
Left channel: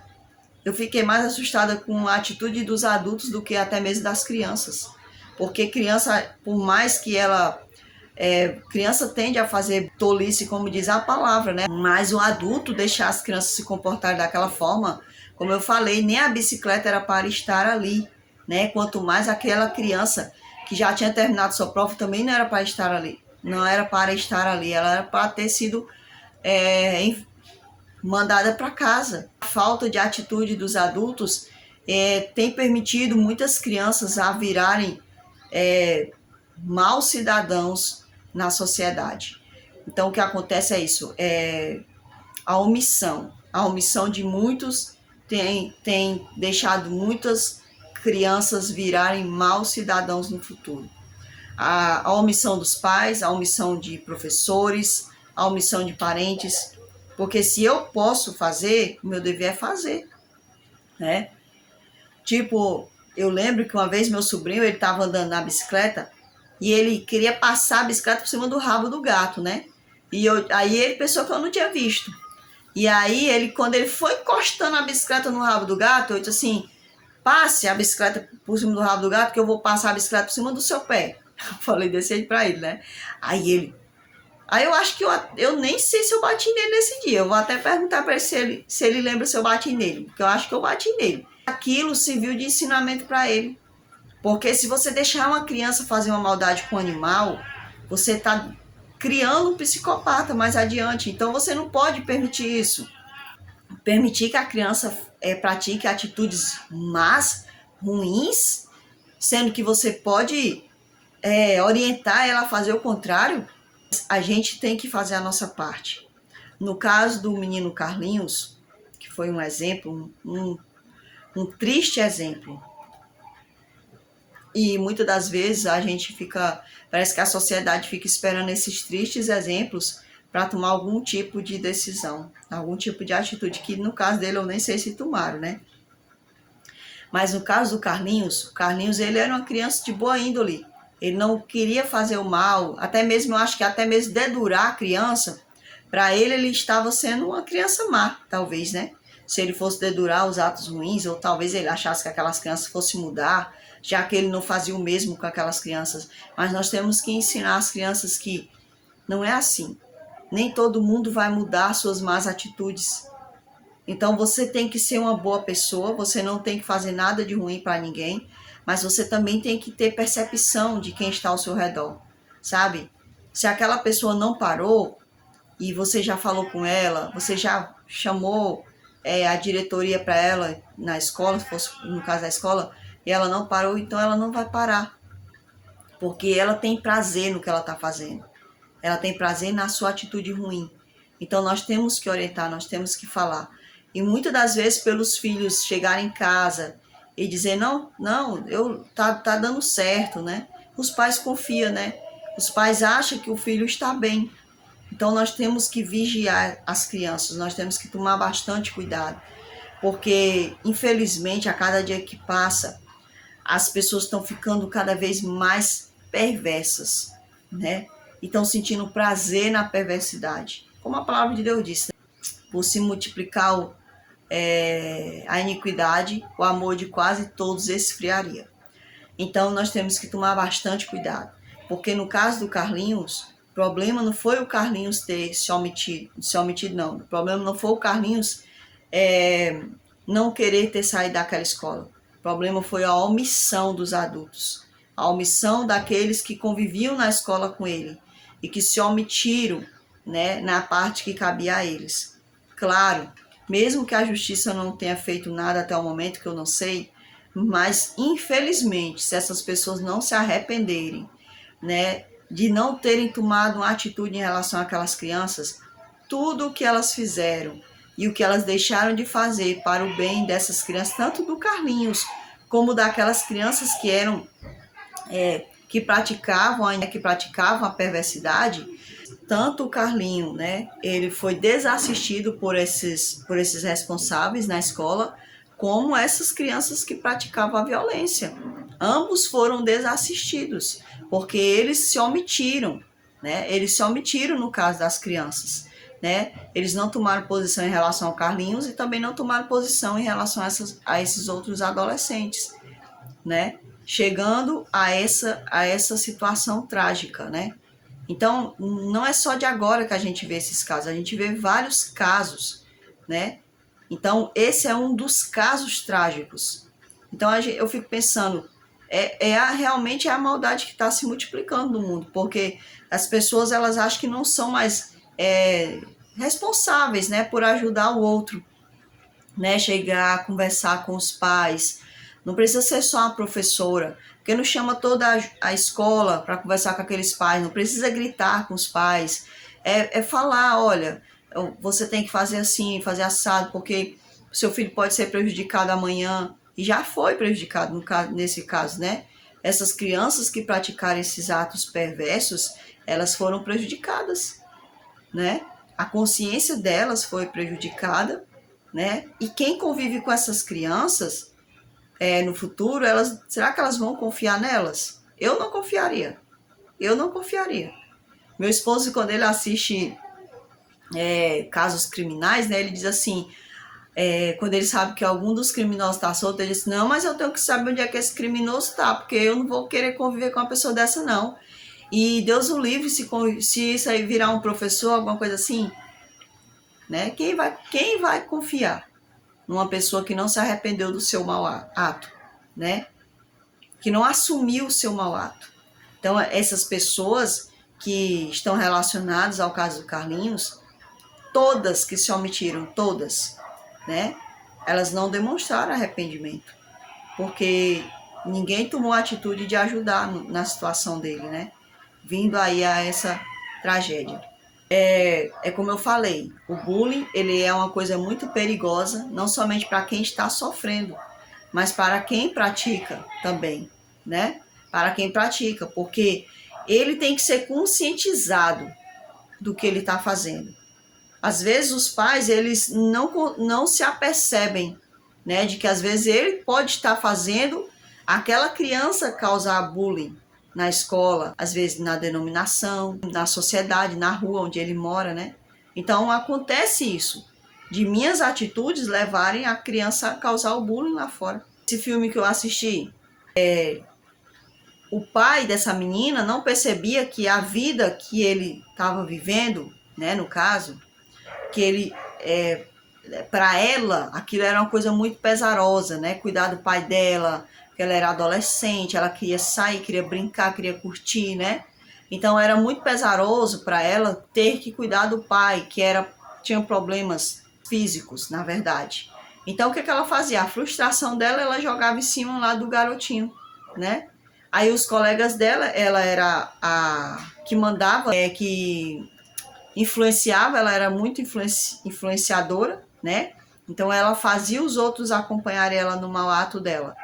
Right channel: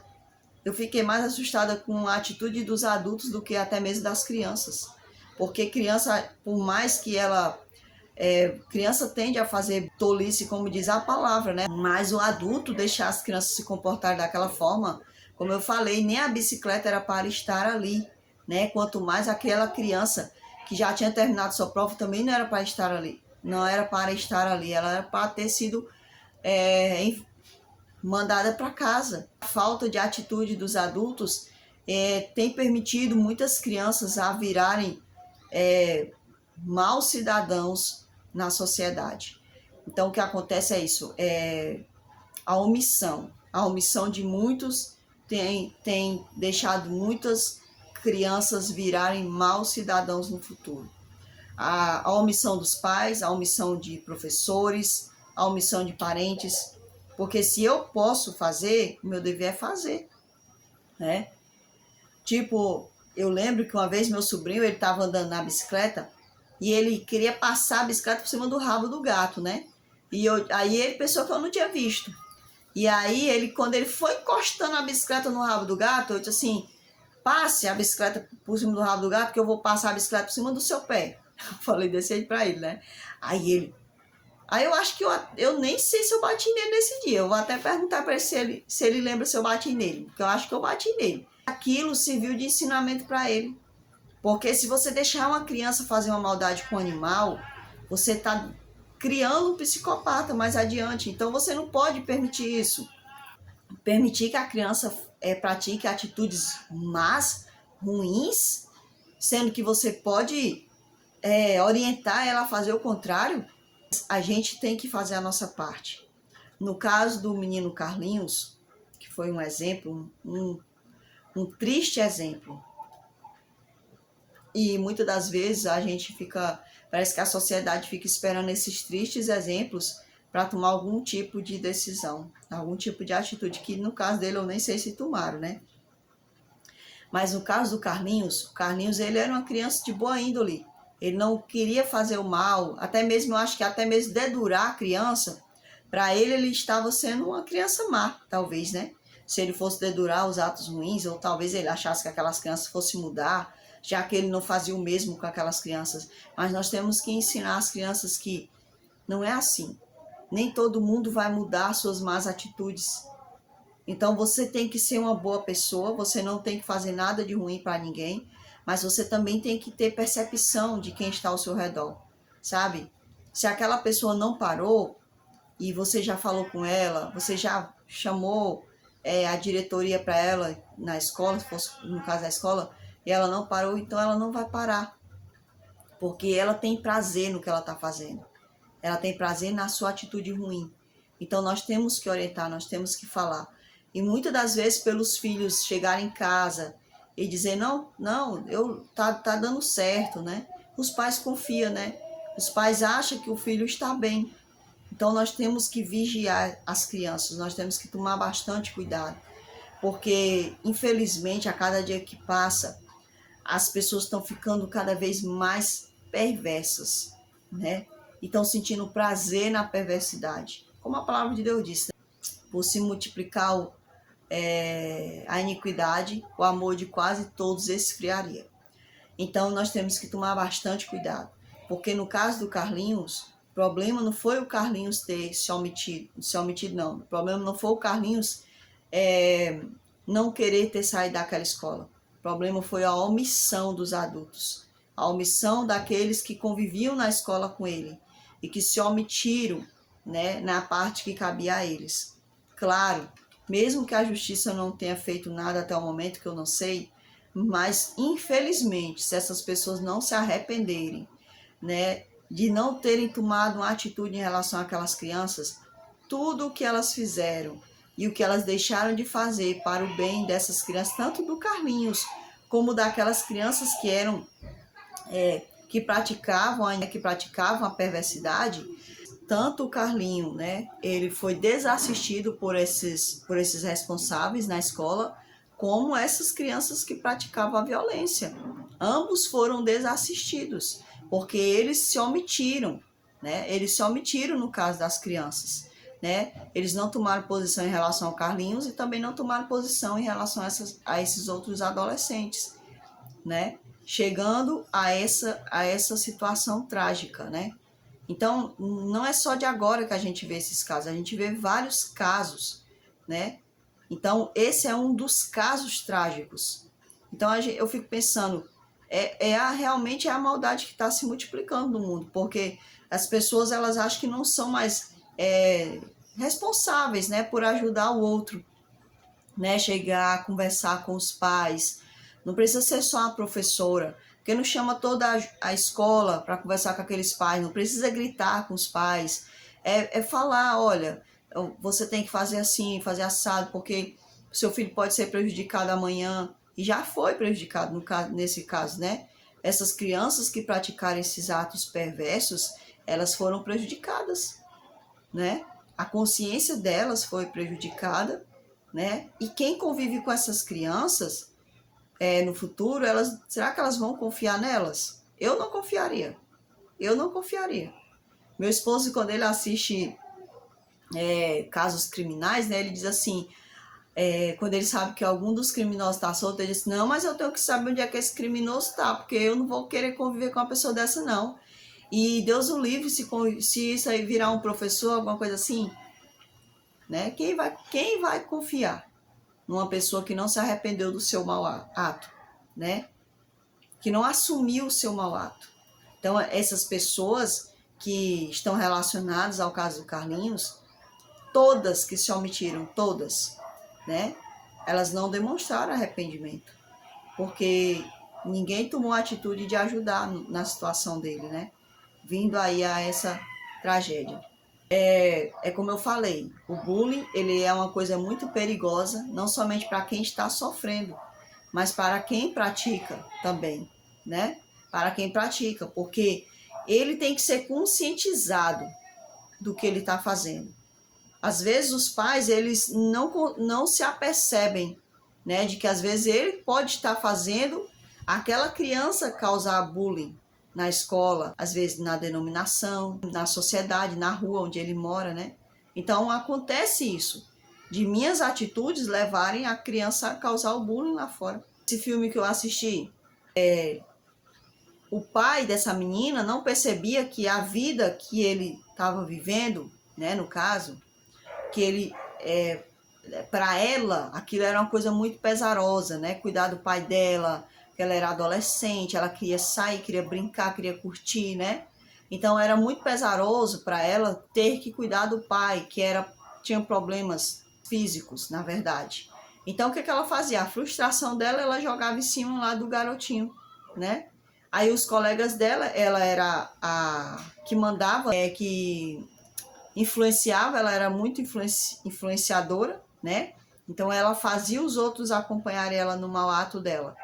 Eu fiquei mais assustada com a atitude dos adultos do que até mesmo das crianças. Porque criança, por mais que ela... criança tende a fazer tolice, como diz a palavra, né? Mas o adulto deixar as crianças se comportarem daquela forma, como eu falei, nem a bicicleta era para estar ali, né? Quanto mais aquela criança que já tinha terminado sua prova também não era para estar ali. Não era para estar ali, ela era para ter sido mandada para casa. A falta de atitude dos adultos tem permitido muitas crianças a virarem maus cidadãos na sociedade. Então, o que acontece é isso, a omissão. A omissão de muitos tem deixado muitas crianças virarem maus cidadãos no futuro. A omissão dos pais, a omissão de professores, a omissão de parentes, porque se eu posso fazer, o meu dever é fazer, né? Tipo, eu lembro que uma vez meu sobrinho, ele estava andando na bicicleta e ele queria passar a bicicleta por cima do rabo do gato, né? Aí ele pensou que eu não tinha visto. E aí, quando ele foi encostando a bicicleta no rabo do gato, eu disse assim, passe a bicicleta por cima do rabo do gato que eu vou passar a bicicleta por cima do seu pé. Eu falei desse jeito pra ele, né? Aí eu acho que eu nem sei se eu bati nele nesse dia. Eu vou até perguntar para ele se ele lembra se eu bati nele. Porque eu acho que eu bati nele. Aquilo serviu de ensinamento para ele. Porque se você deixar uma criança fazer uma maldade com um animal, você está criando um psicopata mais adiante. Então você não pode permitir isso. Permitir que a criança pratique atitudes más, ruins, sendo que você pode orientar ela a fazer o contrário. A gente tem que fazer a nossa parte. No caso do menino Carlinhos, que foi um exemplo, um triste exemplo, e muitas das vezes a gente parece que a sociedade fica esperando esses tristes exemplos para tomar algum tipo de decisão, algum tipo de atitude, que no caso dele eu nem sei se tomaram, né? Mas no caso do Carlinhos, o Carlinhos ele era uma criança de boa índole, ele não queria fazer o mal, até mesmo, eu acho que até mesmo dedurar a criança, para ele estava sendo uma criança má, talvez, né? Se ele fosse dedurar os atos ruins, ou talvez ele achasse que aquelas crianças fossem mudar, já que ele não fazia o mesmo com aquelas crianças. Mas nós temos que ensinar as crianças que Não é assim. Nem todo mundo vai mudar suas más atitudes. Então você tem que ser uma boa pessoa, você não tem que fazer nada de ruim para ninguém, mas você também tem que ter percepção de quem está ao seu redor, sabe? Se aquela pessoa não parou e você já falou com ela, você já chamou a diretoria para ela na escola, se fosse no caso da escola, e ela não parou, então ela não vai parar, porque ela tem prazer no que ela está fazendo. Ela tem prazer na sua atitude ruim. Então nós temos que orientar, nós temos que falar. E muitas das vezes pelos filhos chegarem em casa e dizer não, tá dando certo, né? Os pais confiam, né? Os pais acham que o filho está bem. Então nós temos que vigiar as crianças, nós temos que tomar bastante cuidado, porque infelizmente a cada dia que passa as pessoas estão ficando cada vez mais perversas, né? E estão sentindo prazer na perversidade. Como a palavra de Deus disse, né? Por se multiplicar a iniquidade, o amor de quase todos esfriaria. Então nós temos que tomar bastante cuidado, porque no caso do Carlinhos, o problema não foi o Carlinhos ter se omitido não. O problema não foi o Carlinhos não querer ter saído daquela escola. O problema foi a omissão dos adultos, a omissão daqueles que conviviam na escola com ele e que se omitiram, né, na parte que cabia a eles. Claro, mesmo que a justiça não tenha feito nada até o momento, que eu não sei, mas infelizmente, se essas pessoas não se arrependerem, né, de não terem tomado uma atitude em relação àquelas crianças, tudo o que elas fizeram e o que elas deixaram de fazer para o bem dessas crianças, tanto do Carlinhos como daquelas crianças que eram que praticavam a perversidade, tanto o Carlinho, né, ele foi desassistido por esses responsáveis na escola, como essas crianças que praticavam a violência. Ambos foram desassistidos, porque eles se omitiram, né? Eles se omitiram no caso das crianças, né? Eles não tomaram posição em relação ao Carlinhos e também não tomaram posição em relação a esses outros adolescentes, né? Chegando a essa situação trágica, né? Então, não é só de agora que a gente vê esses casos, a gente vê vários casos, né? Então, esse é um dos casos trágicos. Então, eu fico pensando, realmente é a maldade que está se multiplicando no mundo, porque as pessoas elas acham que não são mais responsáveis, né, por ajudar o outro, né, chegar, conversar com os pais. Não precisa ser só a professora, porque não chama toda a escola para conversar com aqueles pais, não precisa gritar com os pais, falar, olha, você tem que fazer assim, fazer assado, porque seu filho pode ser prejudicado amanhã, e já foi prejudicado nesse caso, né? Essas crianças que praticaram esses atos perversos, elas foram prejudicadas, né? A consciência delas foi prejudicada, né? E quem convive com essas crianças no futuro, será que elas vão confiar nelas? Eu não confiaria. Eu não confiaria. Meu esposo, quando ele assiste casos criminais, né, ele diz assim, quando ele sabe que algum dos criminosos está solto, ele diz, não, mas eu tenho que saber onde é que esse criminoso está, porque eu não vou querer conviver com uma pessoa dessa, não. E Deus o livre se isso aí virar um professor, alguma coisa assim, né? Quem vai confiar numa pessoa que não se arrependeu do seu mau ato, né? Que não assumiu o seu mau ato. Então, essas pessoas que estão relacionadas ao caso do Carlinhos, todas que se omitiram, todas, né? Elas não demonstraram arrependimento, porque ninguém tomou a atitude de ajudar na situação dele, né? Vindo aí a essa tragédia. Como eu falei, o bullying ele é uma coisa muito perigosa, não somente para quem está sofrendo, mas para quem pratica também, né? Para quem pratica, porque ele tem que ser conscientizado do que ele está fazendo. Às vezes os pais eles não se apercebem, né, de que às vezes ele pode estar fazendo aquela criança causar bullying na escola, às vezes na denominação, na sociedade, na rua onde ele mora, né? Então acontece isso, de minhas atitudes levarem a criança a causar o bullying lá fora. Esse filme que eu assisti, o pai dessa menina não percebia que a vida que ele estava vivendo, né, no caso, que ele, para ela, aquilo era uma coisa muito pesarosa, né, cuidar do pai dela, que ela era adolescente, ela queria sair, queria brincar, queria curtir, né, então era muito pesaroso para ela ter que cuidar do pai, que tinha problemas físicos, na verdade. Então o que ela fazia? A frustração dela, ela jogava em cima lá do garotinho, né? Aí os colegas dela, ela era a que mandava, que influenciava, ela era muito influenciadora, né? Então ela fazia os outros acompanharem ela no mau ato dela,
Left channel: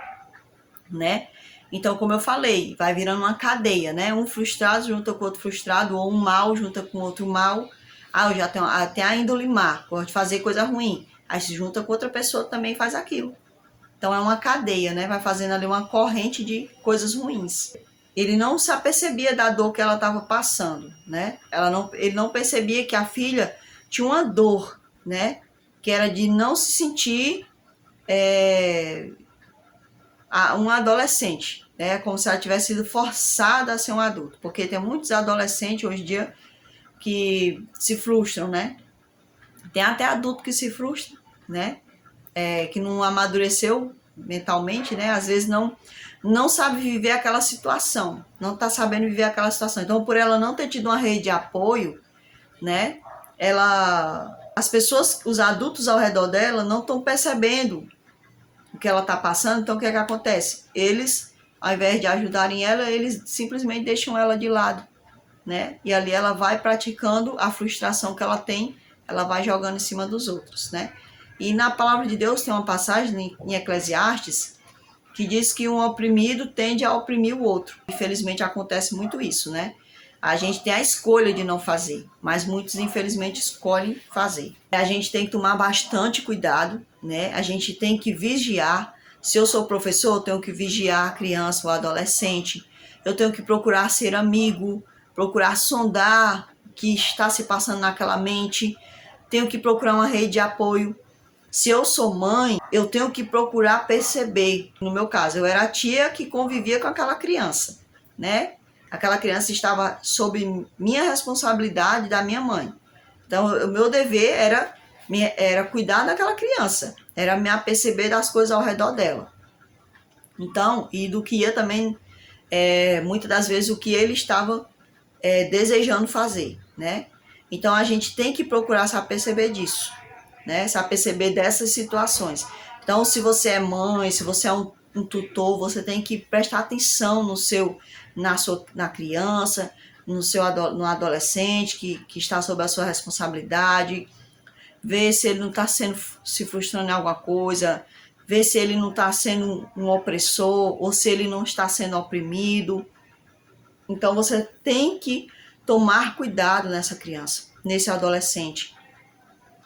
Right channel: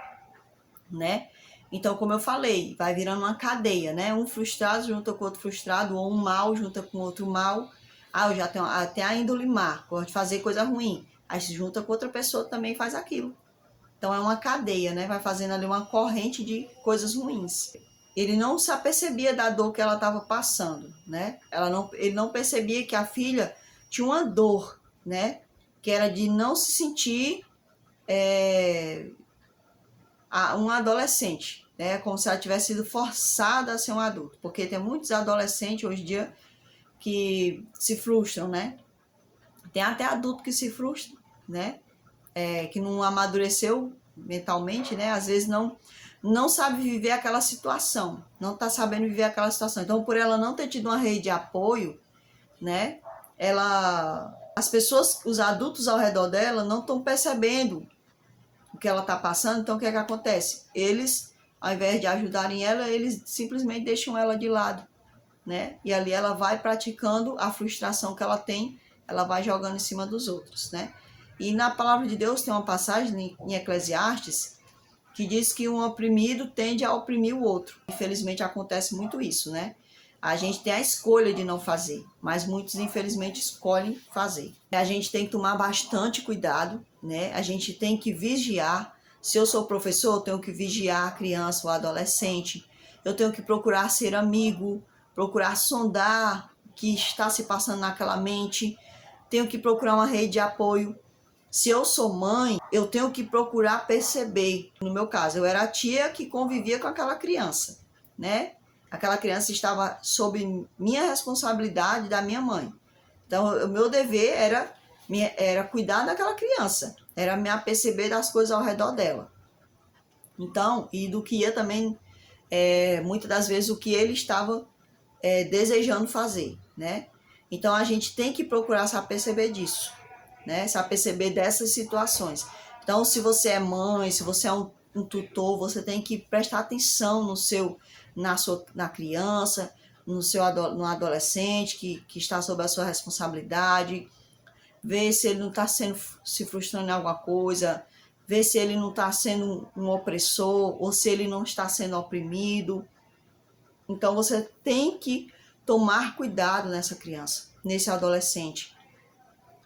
né? Então, como eu falei, vai virando uma cadeia, né? Um frustrado junta com outro frustrado, ou um mal junta com outro mal. Ah, eu já tenho até a índole má, gosto de fazer coisa ruim. Aí se junta com outra pessoa também faz aquilo. Então é uma cadeia, né? Vai fazendo ali uma corrente de coisas ruins. Ele não se apercebia da dor que ela estava passando, né? Ele não percebia que a filha tinha uma dor, né? Que era de não se sentir uma adolescente, né? Como se ela tivesse sido forçada a ser um adulto. Porque tem muitos adolescentes hoje em dia que se frustram, né? Tem até adulto que se frustra, né? Que não amadureceu mentalmente, né? Às vezes não sabe viver aquela situação, não está sabendo viver aquela situação. Então, por ela não ter tido uma rede de apoio, né? As pessoas, os adultos ao redor dela não estão percebendo o que ela está passando. Então, o que é que acontece? Eles, ao invés de ajudarem ela, eles simplesmente deixam ela de lado, né? E ali ela vai praticando a frustração que ela tem, ela vai jogando em cima dos outros, né? E na palavra de Deus tem uma passagem em Eclesiastes que diz que um oprimido tende a oprimir o outro. Infelizmente acontece muito isso, né? A gente tem a escolha de não fazer, mas muitos infelizmente escolhem fazer. A gente tem que tomar bastante cuidado, né? A gente tem que vigiar. Se eu sou professor, eu tenho que vigiar a criança ou adolescente. Eu tenho que procurar ser amigo, procurar sondar o que está se passando naquela mente. Tenho que procurar uma rede de apoio. Se eu sou mãe, eu tenho que procurar perceber. No meu caso, eu era a tia que convivia com aquela criança, né? Aquela criança estava sob minha responsabilidade, da minha mãe. Então, o meu dever era cuidar daquela criança, era me aperceber das coisas ao redor dela. Então, e do que ia também, muitas das vezes, o que ele estava desejando fazer, né? Então, a gente tem que procurar se aperceber disso, né? Se aperceber dessas situações. Então, se você é mãe, se você é um tutor, você tem que prestar atenção na criança, no adolescente que está sob a sua responsabilidade, ver se ele não está se frustrando em alguma coisa, ver se ele não está sendo um opressor ou se ele não está sendo oprimido. Então, você tem que tomar cuidado nessa criança, nesse adolescente.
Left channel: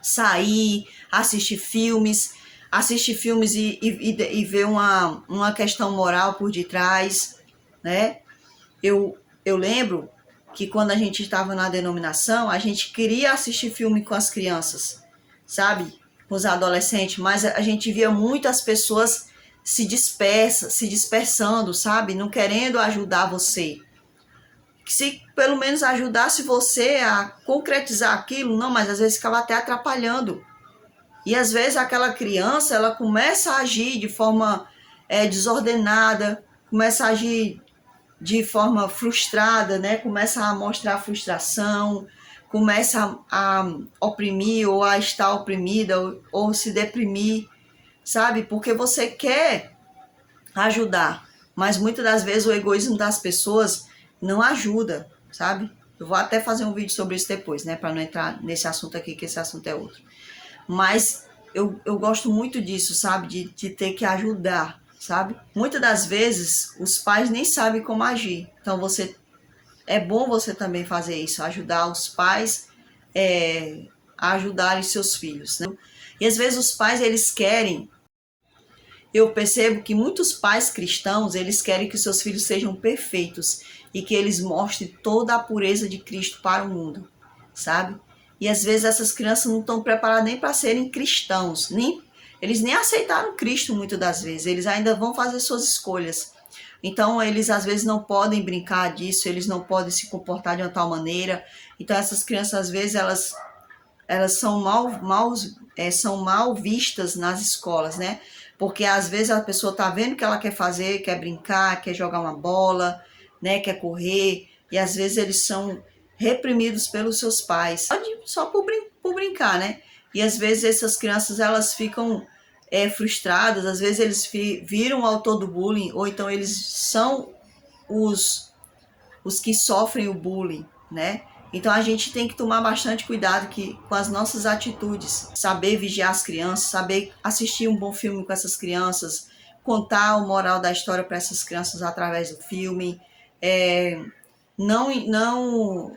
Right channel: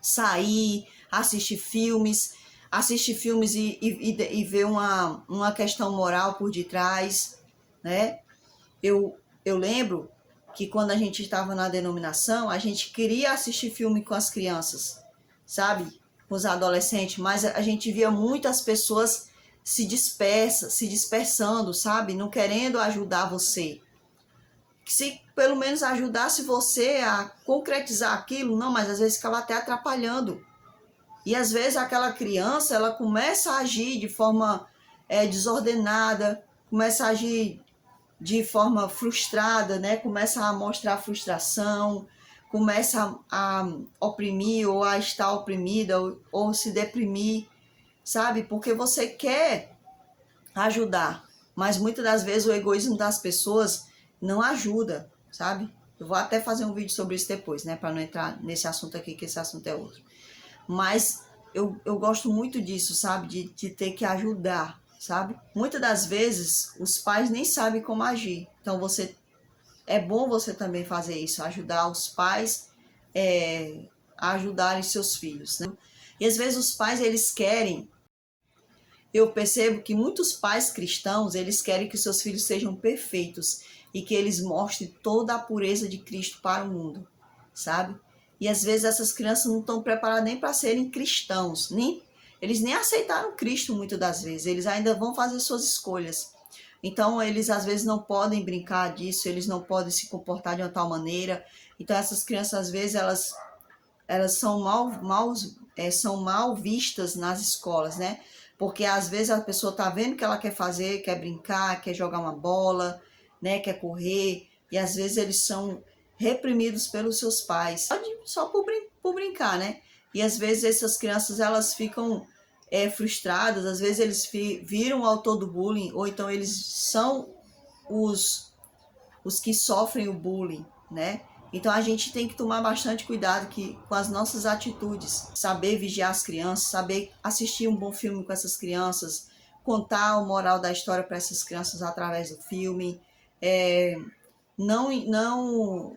Sair, assistir filmes e ver uma questão moral por detrás, né? Eu lembro que quando a gente estava na denominação, a gente queria assistir filme com as crianças, sabe? Com os adolescentes, mas a gente via muitas pessoas se dispersando, sabe? Não querendo ajudar você. Se pelo menos ajudasse você a concretizar aquilo, não, mas às vezes ficava até atrapalhando. E às vezes aquela criança, ela começa a agir de forma desordenada, começa a agir de forma frustrada, né? Começa a mostrar frustração, começa a oprimir ou a estar oprimida ou se deprimir, sabe? Porque você quer ajudar, mas muitas das vezes o egoísmo das pessoas não ajuda, sabe? Eu vou até fazer um vídeo sobre isso depois, né? Para não entrar nesse assunto aqui, que esse assunto é outro. Mas eu gosto muito disso, sabe? De ter que ajudar, sabe? Muitas das vezes os pais nem sabem como agir. Então é bom você também fazer isso, ajudar os pais a ajudarem seus filhos, né? E às vezes os pais, eles querem. Eu percebo que muitos pais cristãos, eles querem que seus filhos sejam perfeitos e que eles mostrem toda a pureza de Cristo para o mundo, sabe? E às vezes essas crianças não estão preparadas nem para serem cristãos, eles nem aceitaram Cristo muitas das vezes, eles ainda vão fazer suas escolhas. Então, eles às vezes não podem brincar disso, eles não podem se comportar de uma tal maneira. Então, essas crianças, às vezes, elas são mal vistas nas escolas, né? Porque às vezes a pessoa tá vendo o que ela quer fazer, quer brincar, quer jogar uma bola, né? Quer correr, e às vezes eles são reprimidos pelos seus pais, só por brincar, né? E às vezes essas crianças elas ficam frustradas, às vezes eles viram o autor do bullying, ou então eles são os que sofrem o bullying, né? Então a gente tem que tomar bastante cuidado com as nossas atitudes, saber vigiar as crianças, saber assistir um bom filme com essas crianças, contar o moral da história para essas crianças através do filme, não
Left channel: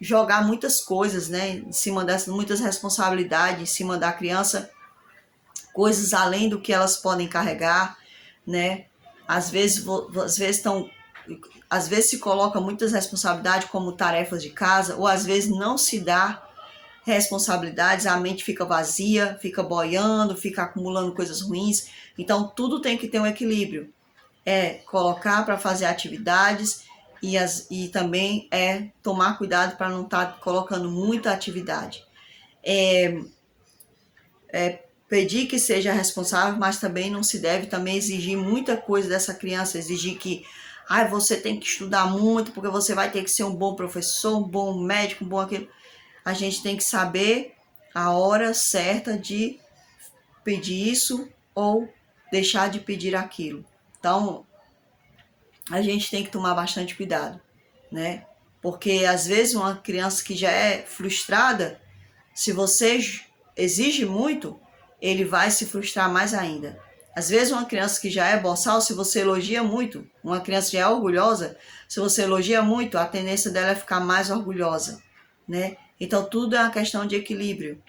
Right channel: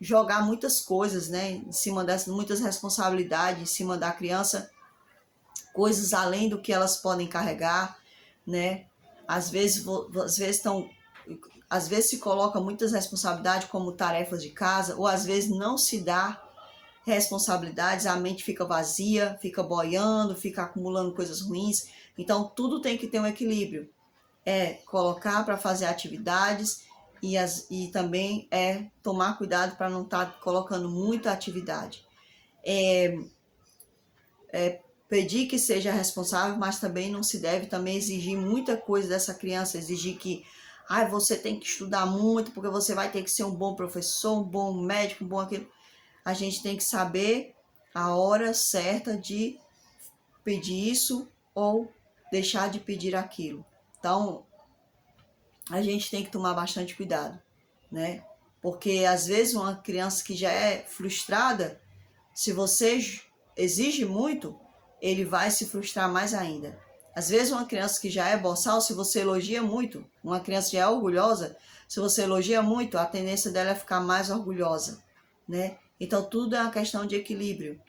jogar muitas coisas, né, em cima dessas, muitas responsabilidades em cima da criança, coisas além do que elas podem carregar, né? Às vezes se coloca muitas responsabilidades como tarefas de casa, ou às vezes não se dá responsabilidades, a mente fica vazia, fica boiando, fica acumulando coisas ruins. Então tudo tem que ter um equilíbrio. Colocar para fazer atividades e também tomar cuidado para não estar colocando muita atividade. Pedir que seja responsável, mas também não se deve também exigir muita coisa dessa criança, exigir que você tem que estudar muito, porque você vai ter que ser um bom professor, um bom médico, um bom aquilo. A gente tem que saber a hora certa de pedir isso ou deixar de pedir aquilo. Então, a gente tem que tomar bastante cuidado, né? Porque às vezes uma criança que já é frustrada, se você exige muito, ele vai se frustrar mais ainda. Às vezes uma criança que já é boçal, se você elogia muito, uma criança que já é orgulhosa, se você elogia muito, a tendência dela é ficar mais orgulhosa, né? Então tudo é uma questão de equilíbrio.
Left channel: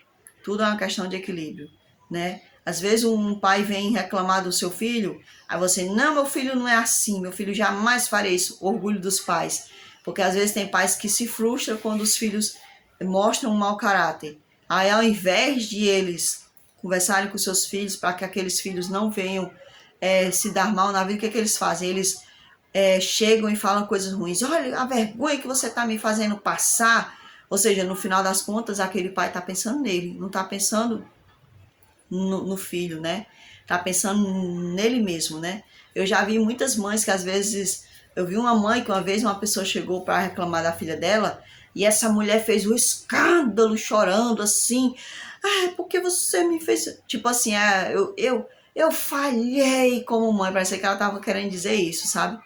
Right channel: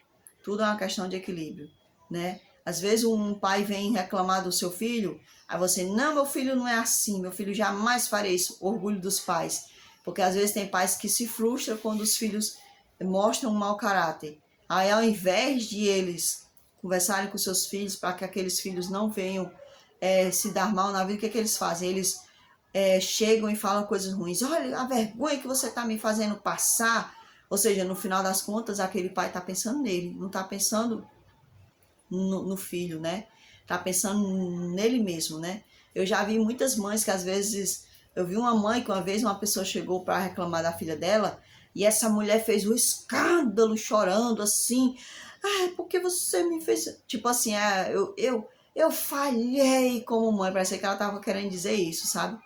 Tudo é uma questão de equilíbrio, né? Às vezes um pai vem reclamar do seu filho, aí você, não, meu filho não é assim, meu filho jamais faria isso. Orgulho dos pais. Porque às vezes tem pais que se frustram quando os filhos mostram um mau caráter. Aí ao invés de eles conversarem com seus filhos para que aqueles filhos não venham se dar mal na vida, o que é que eles fazem? Eles chegam e falam coisas ruins. Olha a vergonha que você está me fazendo passar. Ou seja, no final das contas, aquele pai está pensando nele, não está pensando no filho, né? Está pensando nele mesmo, né? Eu já vi muitas mães que às vezes... Eu vi uma mãe que uma vez uma pessoa chegou para reclamar da filha dela e essa mulher fez um escândalo chorando assim. Porque você me fez... Tipo assim, eu falhei como mãe. Parece que ela estava querendo dizer isso, sabe?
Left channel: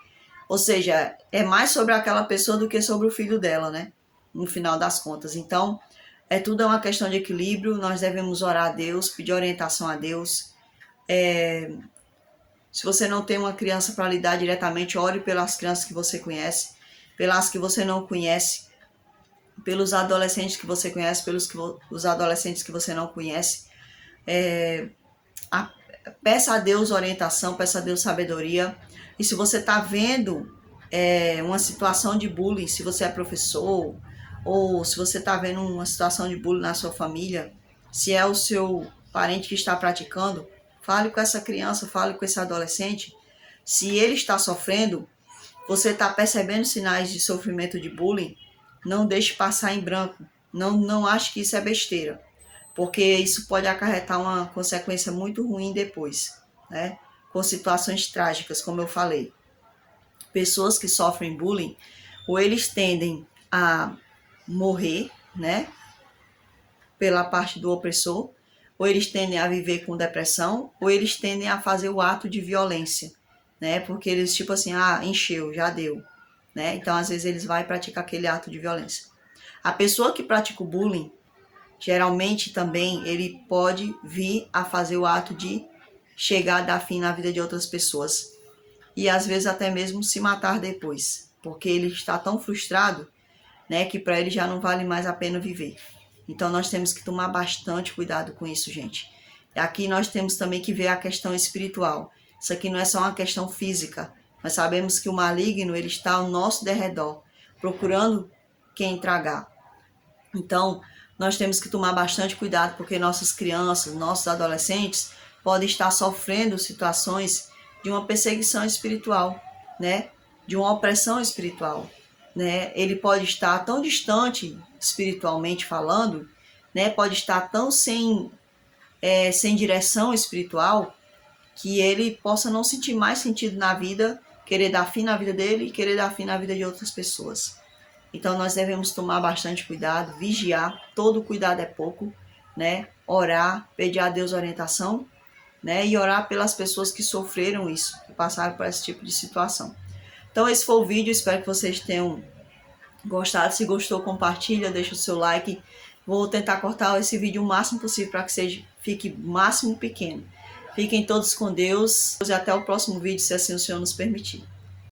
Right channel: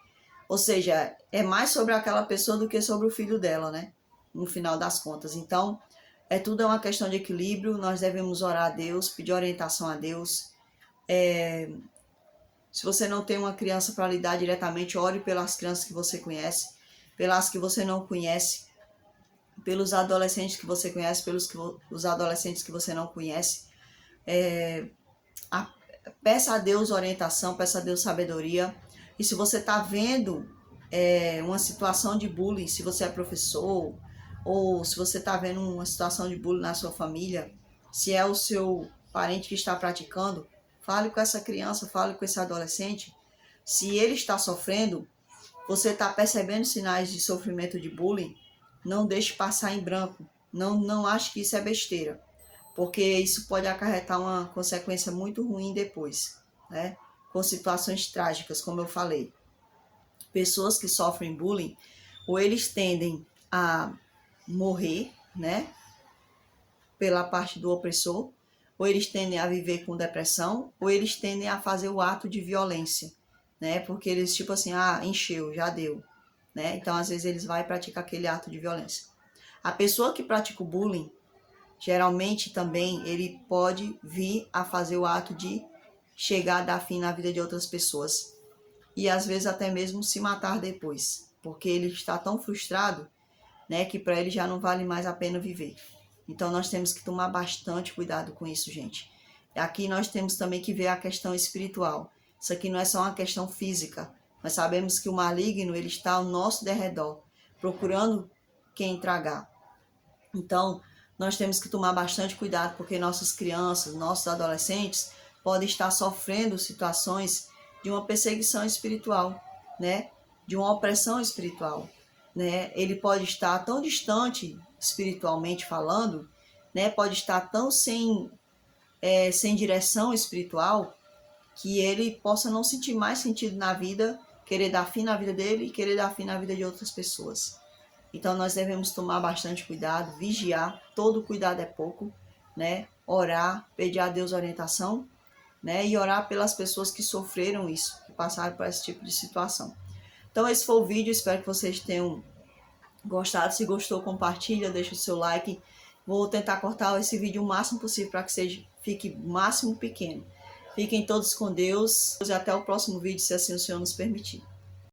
Ou seja, é mais sobre aquela pessoa do que sobre o filho dela, né? No final das contas. Então, tudo é uma questão de equilíbrio. Nós devemos orar a Deus, pedir orientação a Deus. Se você não tem uma criança para lidar diretamente, ore pelas crianças que você conhece, pelas que você não conhece, pelos adolescentes que você conhece, os adolescentes que você não conhece. Peça a Deus orientação, peça a Deus sabedoria. E se você está vendo uma situação de bullying, se você é professor, ou se você está vendo uma situação de bullying na sua família, se é o seu parente que está praticando, fale com essa criança, fale com esse adolescente. Se ele está sofrendo, você está percebendo sinais de sofrimento de bullying, não deixe passar em branco. Não ache que isso é besteira, porque isso pode acarretar uma consequência muito ruim depois, né? Com situações trágicas, como eu falei. Pessoas que sofrem bullying, ou eles tendem a morrer, né? Pela parte do opressor, ou eles tendem a viver com depressão, ou eles tendem a fazer o ato de violência, né? Porque eles, tipo assim, encheu, já deu, né? Então, às vezes, eles vão praticar aquele ato de violência. A pessoa que pratica o bullying, geralmente também, ele pode vir a fazer o ato de chegar a dar fim na vida de outras pessoas. E, às vezes, até mesmo se matar depois. Porque ele está tão frustrado, né? Que para ele já não vale mais a pena viver. Então, nós temos que tomar bastante cuidado com isso, gente. Aqui nós temos também que ver a questão espiritual. Isso aqui não é só uma questão física. Nós sabemos que o maligno, ele está ao nosso derredor, procurando quem tragar. Então, nós temos que tomar bastante cuidado, porque nossas crianças, nossos adolescentes, podem estar sofrendo situações de uma perseguição espiritual, né, de uma opressão espiritual, né? Ele pode estar tão distante espiritualmente falando, né? Pode estar tão sem direção espiritual que ele possa não sentir mais sentido na vida, querer dar fim na vida dele e querer dar fim na vida de outras pessoas. Então nós devemos tomar bastante cuidado, vigiar, todo cuidado é pouco, né? Orar, pedir a Deus orientação, né? E orar pelas pessoas que sofreram isso, que passaram por esse tipo de situação. Então esse foi o vídeo, espero que vocês tenham gostado. Se gostou, compartilha, deixa o seu like. Vou tentar cortar esse vídeo o máximo possível para que fique o máximo pequeno. Fiquem todos com Deus e até o próximo vídeo, se assim o Senhor nos permitir.